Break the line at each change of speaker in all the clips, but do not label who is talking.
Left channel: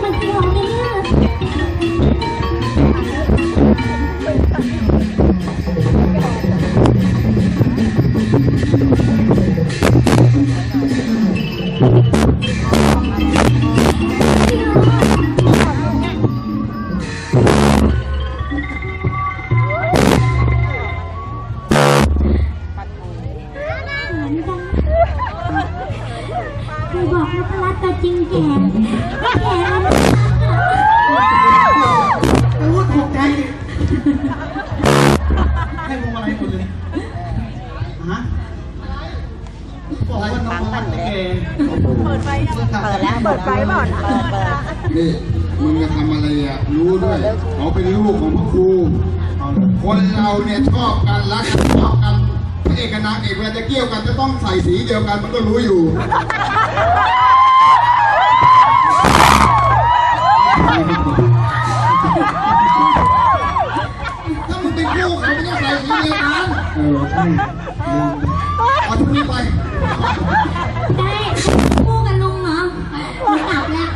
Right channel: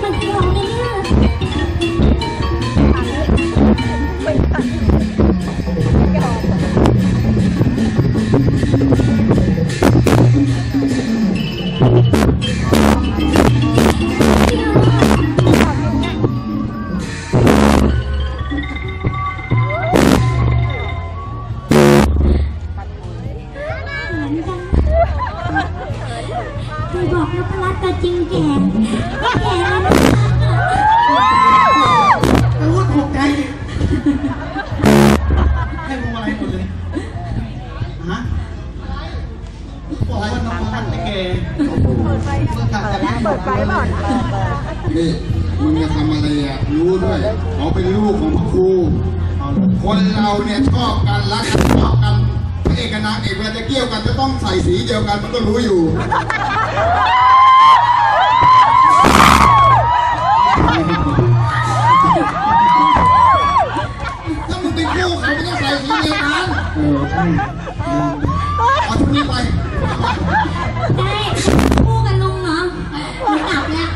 มันสยองเลยเนี่ยเคยบอกนพรัตน์ตัวจริงแก่แก่แล้วนะ
โอ้ถูกใจให้พวงมาลัยหมดเลยฮะบอกว่าน้องมันไม่เกย์เปิดไฟแล้วเปิดไฟเปล่า
นี่มึงจะทำอะไรอ่ะรู้ด้วยเขาเป็นลูกของพระครูคนเราเนี่ยชอบกันรักกันชอบกันพระเอกกับนางเอกเวลาจะเกี่ยวกันจะต้องใส่สีเดียวกันมันก็รู้อยู่ถ้ามึงเป็นคู่เขาไม่ต้องใส่สีเดียวกันใช่เอาชุดนี้ไป
ได้คู่กันลุงเหรอหนูกลับแล้ว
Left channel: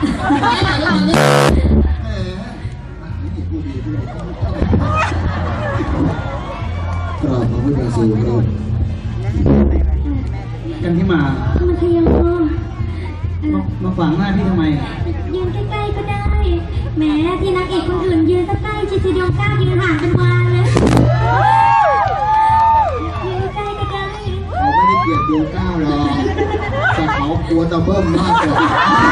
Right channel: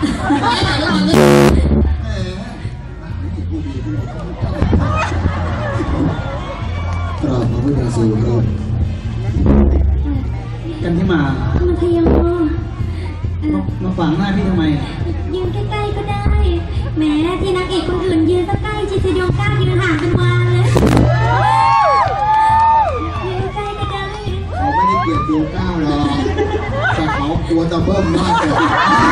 กราบพระพุทธสูงครับ
กันที่มา
มันขยัน
มาฝังหน้าพี่ทำไม
ยืนใกล้ๆก็ได้แหมที่นางเอกคนอื่นยืนใกล้ชิดดวงก้าวยืนห่างเป็นวานเลยยืนใกล้ก็ได้
เขาไม่ได้เกลียดดวงก้าวหรอกแต่เขากลัวจะเบิ้มมากกว่า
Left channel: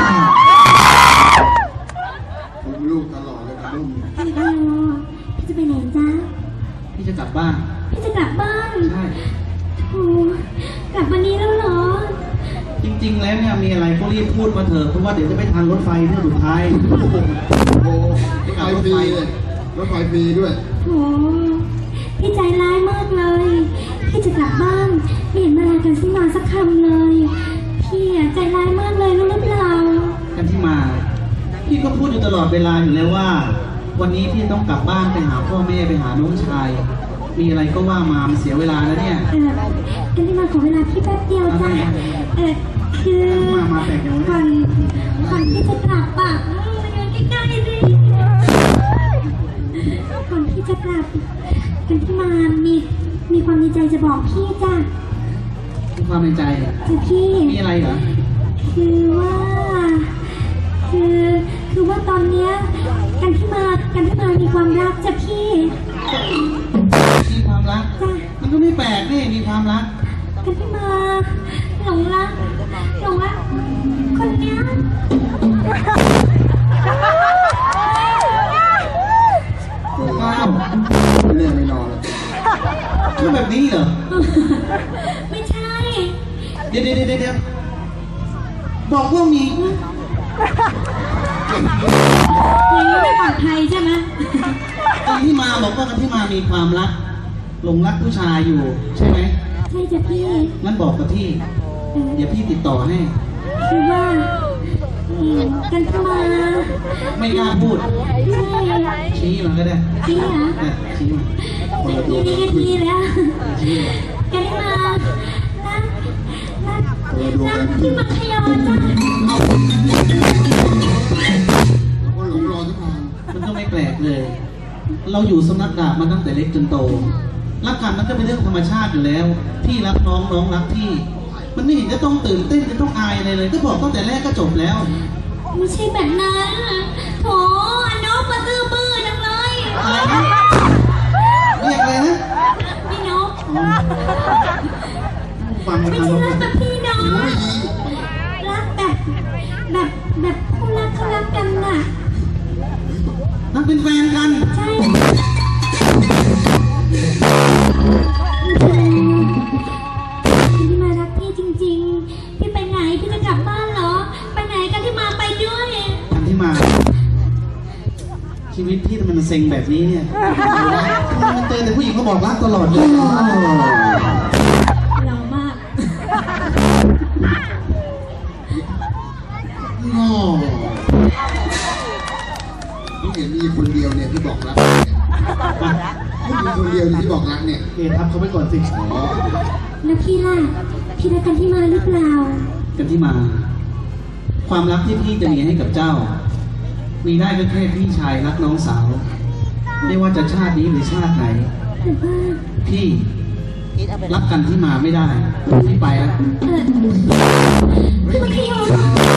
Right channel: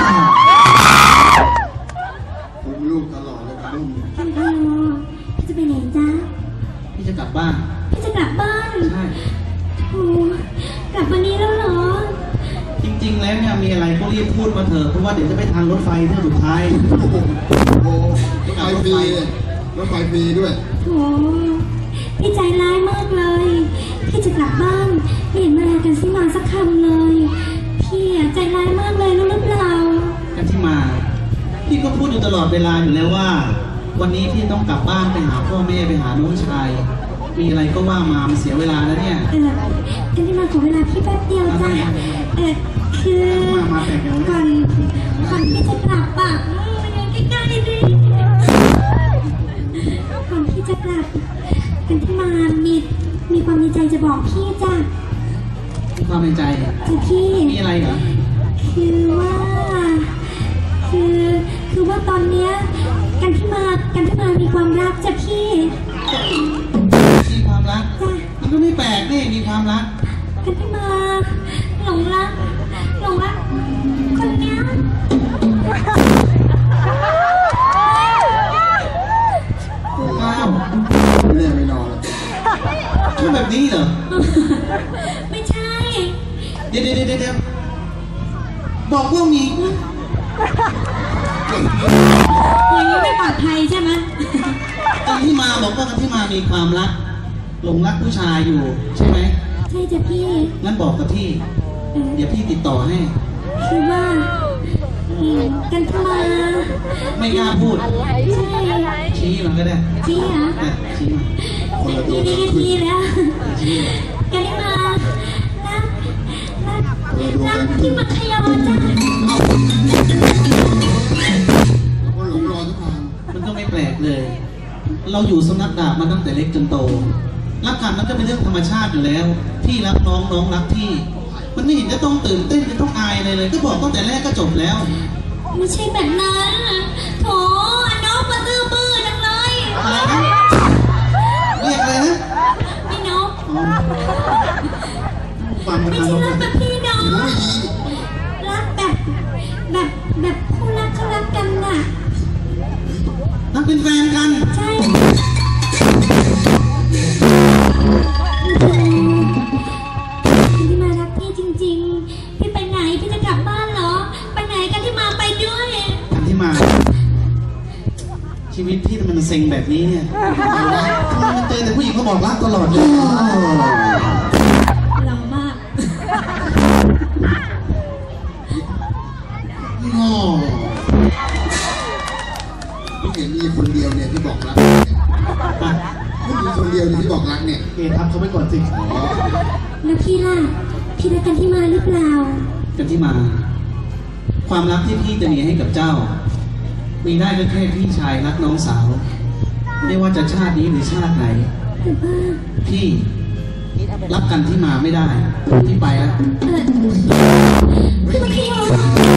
ผมลูกตลอดเลยนะลูก
พี่จะไปไหนจ๊ะ
พี่จะกลับบ้าน
พี่จะกลับบ้าน
ใช่
โอ้กลับวันนี้แล้วเหรอ
จริงๆแล้วเนี่ยมีอะไรก็รีบพูดมาเถอะเพราะว่าเดี๋ยวจะไปทันรถไฟเที่ยวสุดท้าย
โอ้รถไฟฟรีรถไฟฟรีด้วย
โอ้พี่ใจร้ายมากเลยพี่จะกลับบ้านไม่เห็นมาลากันสักหน่อยสักคำเลยพี่ใจร้ายมากเลยรู้หรือเปล่า
กันที่มาพี่ก็พูดอยู่ตลอดเวลาอยู่แล้วว่าวันนี้พี่ต้องกลับบ้านไปหาพ่อแม่ไปหาน้องชายมีอะไรก็ว่ามามันเสียเวลาแล้วเนี่ย
กันที่มาขอเวลาพี่แป๊บเดียวจ้ะคือก่อนที่จะกลับอ่ะอยู่ใกล้ๆดิก่อนที่จะกลับกันที่มามีความในใจจะบอกพี่จ้ะ
มีความในใจ
จ้ะพี่
มีอะไรเหรอ
คือว่าตอนเนี้ยกันที่มามีความรักจ้ะพี่
มีความรักมันก็ไม่แปลกนี่มีความรัก
กันที่มาหลงรักคนเนี้ย
ว้าว
ไม่แน่ไม่นอน
แล้วแบบนี้เหรอ
ไม่ใช่
เดี๋ยวบอกว่ามี
อย่างนี้ไม่ปลอดภัยใช่ไหม
กันที่มาบอกว่ากันที่มามีความรักหลงรักผู้ชายอยู่ใช่ไหม
ใช่จ้ะพี่
งั้นบอกกับพี่เดี๋ยวพี่ติดต่อให้
คือว่ากันที่มา
ไม่กล้าพูด
ใช่
ชี้มันก็ได้
ชี้เหรอ
ชี้
มาดีแล้วกันที่มารักที่มัธยมจ้ะ
มันก็ไม่แปลกเลยเราอยู่สำนักดาบมาตั้งแต่เล็กจนโตรักกันมันก็เป็นเรื่องธรรมชาติอยู่แล้วพี่รักน้องน้องรักพี่มันไม่เห็นจะต้องตื่นเต้นจะต้องอายอะไรเลยก็บอกตั้งแต่แรกก็จบแล้ว
ไม่ใช่แบบนั้นโถน้องมาตื้อบื้อจังเลย
อะไรนะเรียกอะไรนะ
พี่น้อง
ฟัง
ไม่ใช่รักแบบพี่น้องรักแบบคู่รักเขารักกันน่ะ
รักเป็นแฟนกัน
ใช่พี่มารักพี่จริงๆพี่ไปไหนพี่จะกลับบ้านเหรอไปไหนกันที่มาไปด้วย
กันที่มาชีวิตพี่ทำไมมันเซ็งแบบนี้เนี่ยมันเจอแต่ผู้หญิงเขาบอกรักตลอดเลย
เรามาก
พี่เห็นมีคนเดียวเนี่ยที่บอกรักผู้หญิงคนเดียวที่บอกรักเนี่ย
ทับเขาไปก่อนสิ
แล้วพี่ล่ะพี่รักกันที่มาหรือเปล่า
กันที่มาความรักที่พี่จะมีให้กับเจ้ามีได้ก็แค่พี่ชายรักน้องสาว ไม่ว่าจะชาตินี้หรือชาติไหน
แต่ว่า
พี่รับกันที่มาไม่ได้พี่ไปแล้ว
พี่มัธยม